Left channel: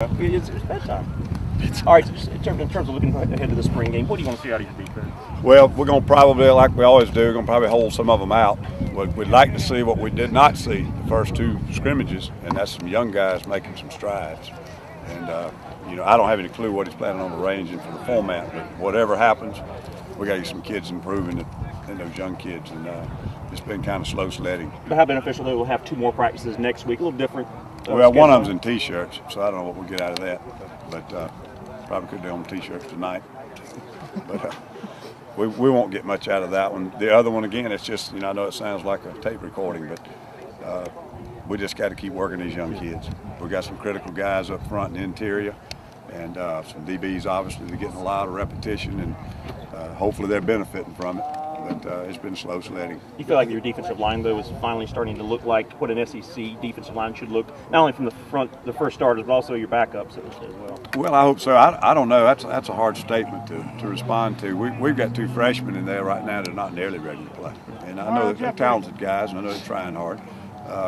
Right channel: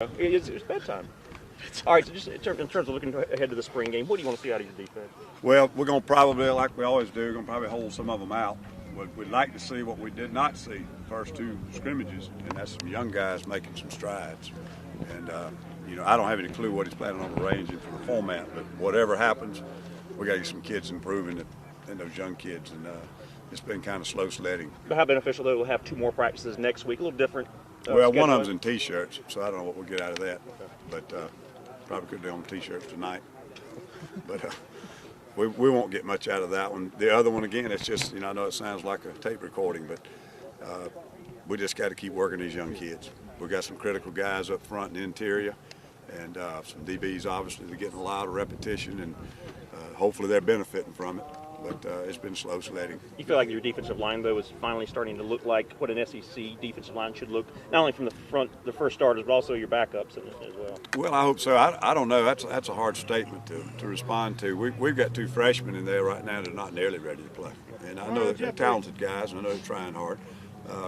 It's bedtime. All right, so just in terms of looking ahead to the spring game, what do you want to see out of your defense? Well, we're going to probably, like we always do, we're going to probably hold some of them out. We'd like to see what we did not see the first two scrimmages, and that's some young guys making some strides. And, I don't have any clue what he's planning on arranging for the format, but whatever happens, we got to get some kids improving in those young kids. And it's been kind of slow sledding. But how beneficial that we'll have two more practices next week, a little different. Well, one of them's in T-shirts, so I don't know what we'll get out of that. But probably could do on T-shirts tonight. But we won't get much out of that one. The other one, again, it's just, I know it sounds like a tape recording, but we just got to keep working these young kids. We got some critical guys up front in the interior, and some DBs, obviously, they're getting a lot of repetition, and hopefully they're benefiting from it. But it's been slow sledding. You feel like your defensive line, though, is finally starting to look like what an SEC defensive line should look, not only from the first starters, but also your backups as well? Well, I hope so. I don't know. That's a hard statement to respond to. We've got two freshmen in there right now that are not nearly ready to play. And I know they're talented guys, and I know they're trying hard.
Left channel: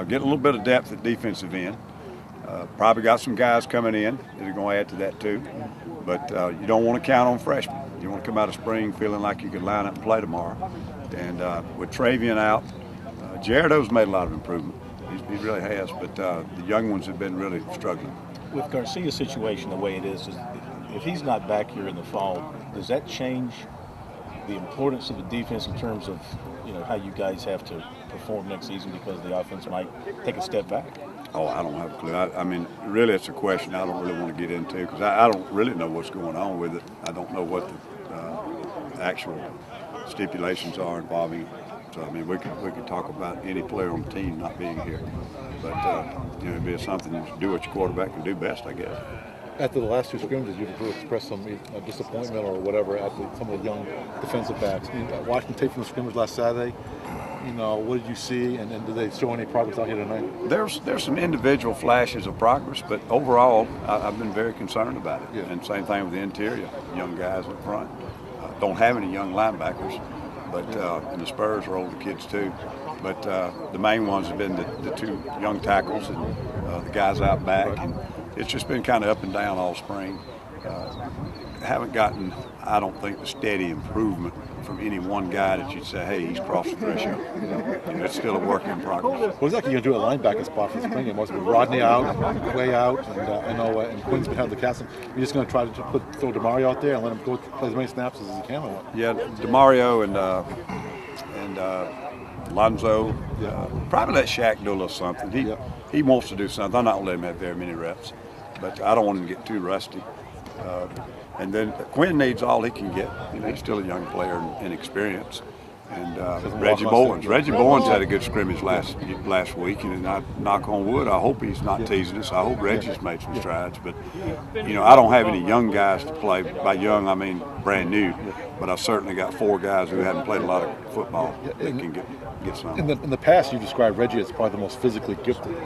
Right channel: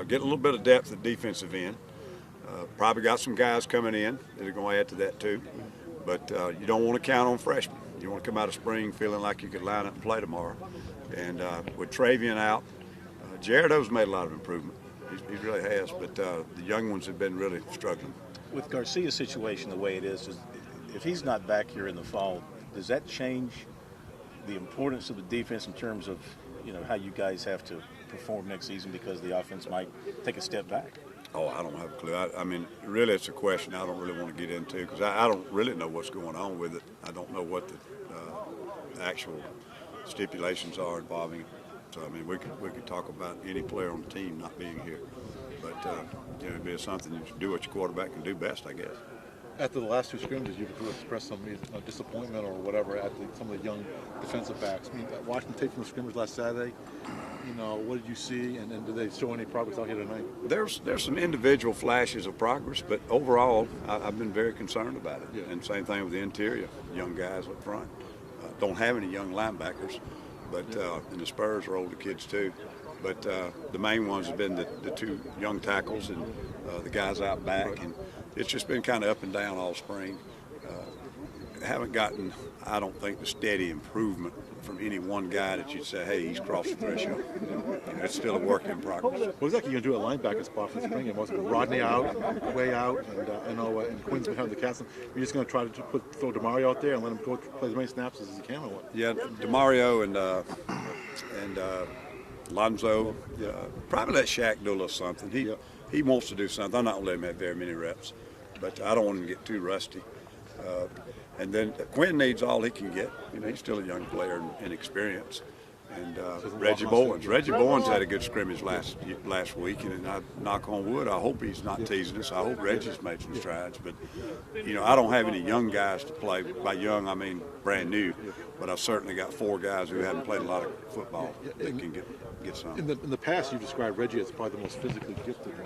Getting a little bit of depth at defensive end. Probably got some guys coming in that are going to add to that too. But you don't want to count on freshmen. You want to come out of spring feeling like you can line up and play tomorrow. And with Travian out, Jaredo's made a lot of improvement. He really has. But the young ones have been really struggling. With Garcia's situation the way it is, if he's not back here in the fall, does that change the importance of the defense in terms of how you guys have to perform next season because the offense might take a step back? Oh, I don't have a clue. I mean, really, it's a question I don't really want to get into because I don't really know what's going on with it. I don't know what the actual stipulations are involving it. So, I mean, we could talk about any player on the team not being here. But, it'd be something to do what your quarterback can do best, I guess. After the last two scrimmages, you've expressed some disappointment or whatever at some of the young defensive backs. I mean, watching tape from the scrimmage last Saturday, what did you see, and did they show any progress out here tonight? There's some individual flashes of progress, but overall, I've been very concerned about it. Yeah. And same thing with the interior, young guys up front. Don't have any young linebackers, but and the Spurs are older kids too. But the main ones have been the two young tackles and the guys out back. And it's just been kind of up and down all spring. Haven't gotten, I don't think, the steady improvement from any one guy that you'd say, hey, he's crossed the threshold. It's still a work in progress. What exactly are you going to do at linebacker spot for spring? Was it Rodney out, Quay out, and Quinn's behind the castle? You're just going to try to throw DeMario out there and let him go play as many snaps as he can? Or what? Yeah, DeMario and Lonzo, probably let Shaq do a little something. He wants to do something. I'm not going to let him have very many reps, but I don't want him to get too rusty. And then Quinn needs all he can get. He's still a young player in experience. And Reggie Bowens had a good scrimmage last week, and I knock on wood, I hope he's not teasing us. I hope Reggie's made some strides. But I don't have any young guys to play. By young, I mean brand new. But I've certainly got four guys who haven't played a lot of football that can get some. In the past, you described Reggie as probably the most physically gifted.